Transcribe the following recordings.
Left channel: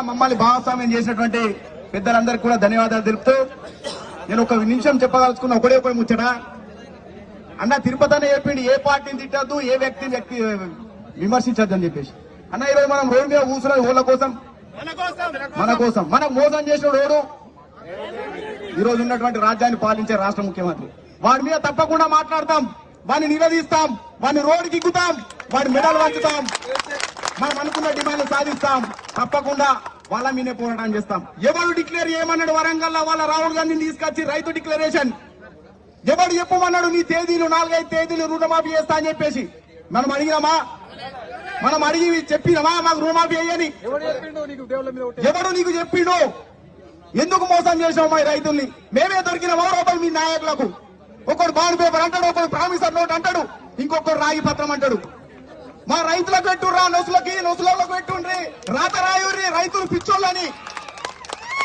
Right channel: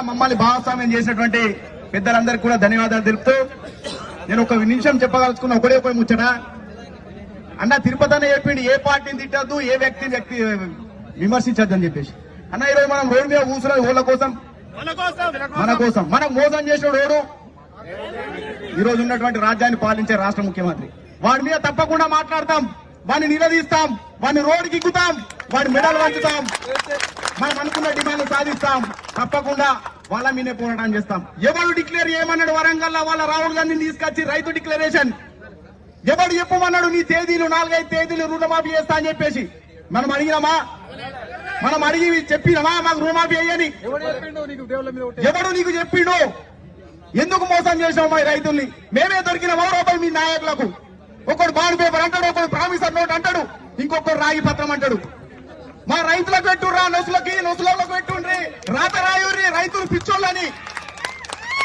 మమ్మల్ని భాగస్వామ్యం చేసినటువంటి పెద్దలందరికీ కూడా ధన్యవాదాలు తెలుపుతూ నేను ఒక నిమిషం చెప్పదలుచుకున్న ఒకడే ఒక ముచ్చట. అన్న తిరుపతి అన్న చెప్పిండు ఏ పార్టీని తిట్టద్దు ఏ వ్యక్తిని వ్యక్తి విమర్శించద్దు అని చెప్పేసి. అన్న ఈరోజు మనం రోడ్డు మీద కూర్చున్నది ఊళ్ళ కోసం. మన కోసం. మనం మోసం చేసిన రోడ్డు. ఈ రోజు ఉన్నటువంటి రాజ్యాన్ని పాలించే రాష్ట్ర ముఖ్యమంత్రి. వాడి మీద తప్పకుండా మాట్లాడతాం. వాడిని నిలదీస్తాం. వాడిని రోడ్డుకి ఎక్కుతాం. వాడి మెడల్ వంచుతాం. మనం అనుకున్న డిమాండ్ సాధిస్తాం. తప్పకుండా వాళ్ళ మీదే పోరాటం చేస్తాం. ఎవరు డిక్లేర్ చేయమన్నాడు వరంగల్ వాళ్ళ రాహుల్ గాంధీని తీసుకొచ్చి రైతు డిక్లరేషన్. ఎవడు చెప్పమన్నాడు నీ తేదీలు నాలుగైదు తేదీలు రుణమాఫీ చేస్తా అని చెప్పేసి? మనం అడిగినామా? మనం అడిగి చెప్పినామా? మాకు రుణమాఫీ అయ్యని ఎవడు నీకు చెప్పిండు? ఎందుకు మోసం చేసావు మా రైతుల్ని? మేమే దొరికిన రూపాయలు మీ నాయకులకు. ఒకడు బాండ్ పేపర్ అంటాడు ఒకడు ప్రామిసర్ నోట్ అంటాడు ఇంకొకడు రాగి పత్రం అంటాడు. మా రైతులకు పెట్టుర్రా నొసులకి నొసులలో పెట్టుండ్రి. రాత రాయుర్రి రైతులు పిచ్చోళ్ళని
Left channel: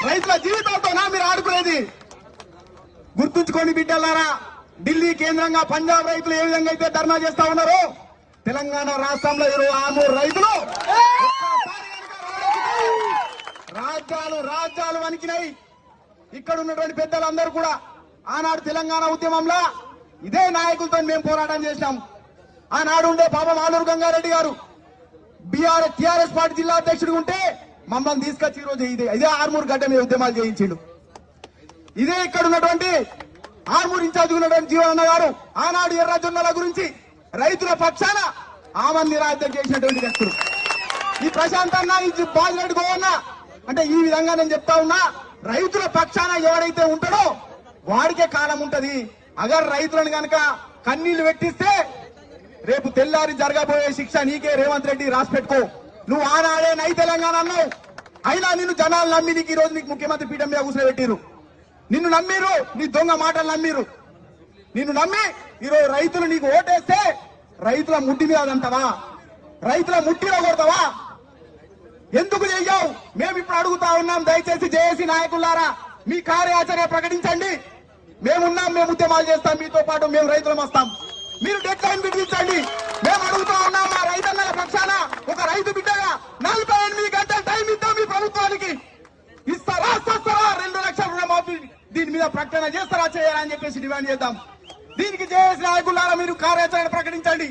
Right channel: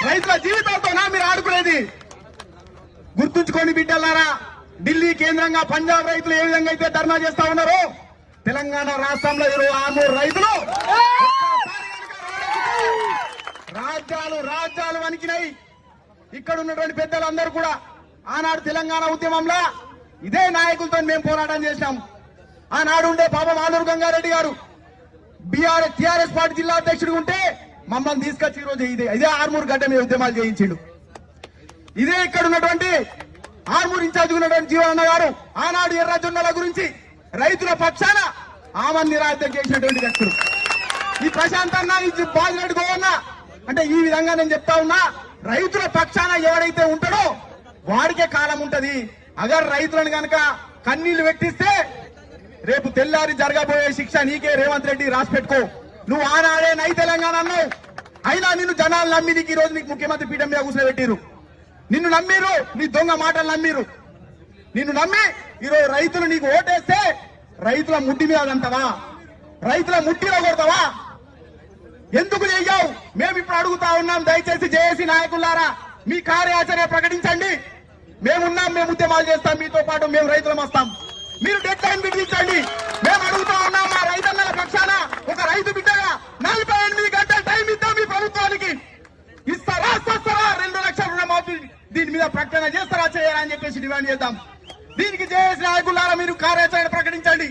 రైతుల జీవితాలతోనా మీరు ఆడుకునేది. గుర్తుంచుకొని బిడ్డలారా ఢిల్లీ కేంద్రంగా పంజాబ్ రైతులు ఏ విధంగా అయితే ధర్నా చేస్తా ఉన్నారో తెలంగాణ రాష్ట్రంలో ఇరవై ఆరు రైతులు రాజ్యాలు రాజ్యాలు వణికినాయి. ఇక్కడ ఉన్నటువంటి పెద్దలందరూ కూడా ఆనాడు తెలంగాణ ఉద్యమంలో ఇదే నాయకులతో మేము పోరాటం చేశాం. ఆనాడు ఉండే పాపం ఆలూరు గంగారెడ్డి గారు బీఆర్ టీఆర్ఎస్ పార్టీ జిల్లా అధ్యక్షుడు ఉంటే మమ్మల్ని తీసుకొచ్చి ఈ రోజు ఇదే ఇదే ఆర్మూర్ గడ్డ మీద ఉద్యమాలు చేయించాడు. ఇదే ఇక్కడ ఉన్నటువంటి ఆర్మూర్ ఇన్ఛార్జ్ ఉన్నటువంటి జీవనన్న గారు ఆనాడు ఎర్రజొన్నల గురించి రైతుల పక్షాన ఆమెను నిరాశ చేసినటువంటి వ్యక్తులు. ఈ ప్రశాంత్ అన్న ఈ బాజిరెడ్డి గోవన్న అంటే ఈ విధంగా నేను చెప్తా ఉన్నా రైతుల పక్షాన ఎవరైతే ఉంటాడో వాడికే కాలం ఉంటది. అగర్ రైతులను కనుక కన్నీళ్ళు పెట్టిస్తే రేపు తెల్లారి జరగబోయే శిక్ష నీకే రేవంత్ రెడ్డి రాసిపెట్టుకో నువ్వు ఆనాడే నై తెలంగాణ అన్నావు. అయినా నిన్ను జనాలు నమ్మి నీకు ఈ రోజు నీకు ముఖ్యమంత్రి పీఠం మీద కూర్చోబెట్టిరు నిన్ను నమ్మిరు నీ దొంగ మాటలు నమ్మిరు నిన్ను నమ్మి ఈరోజు రైతులు నీకు ఓటేస్తే రైతుల ముట్టి మీద అంటావా రైతుల ముట్టిలో కొడతావా? ఎందుకు చెయ్యావు? మేము ఇప్పుడు అడుగుతా ఉన్నాం దయచేసి జేఏసీ నాయకులారా మీ కార్యాచరణ ప్రకటించండి. మేమున్నాం మేము ఉద్యమాలు చేస్తాం మీతో పాటు మేము రైతులం వస్తాం. మీరు డెడ్ లైన్ విధించండి మేము అడుగుతా ఉన్నాం మా రైతన్న పక్షాన. ఒక రైతు బిడ్డగా నలభై ఎనిమిది గంటల టైం ఇద్దాం మీ ప్రభుత్వానికి. ఇస్తారా? చేస్తారా రెండు లక్షల రుణమాఫీ దీని మీద ప్రకటన చేస్తారా? చేయాలని చెప్పేసి డిమాండ్ చేద్దాం. దీనికి జేఎస్ నాయకులారా మీరు కార్యాచరణ ప్రకటించండి.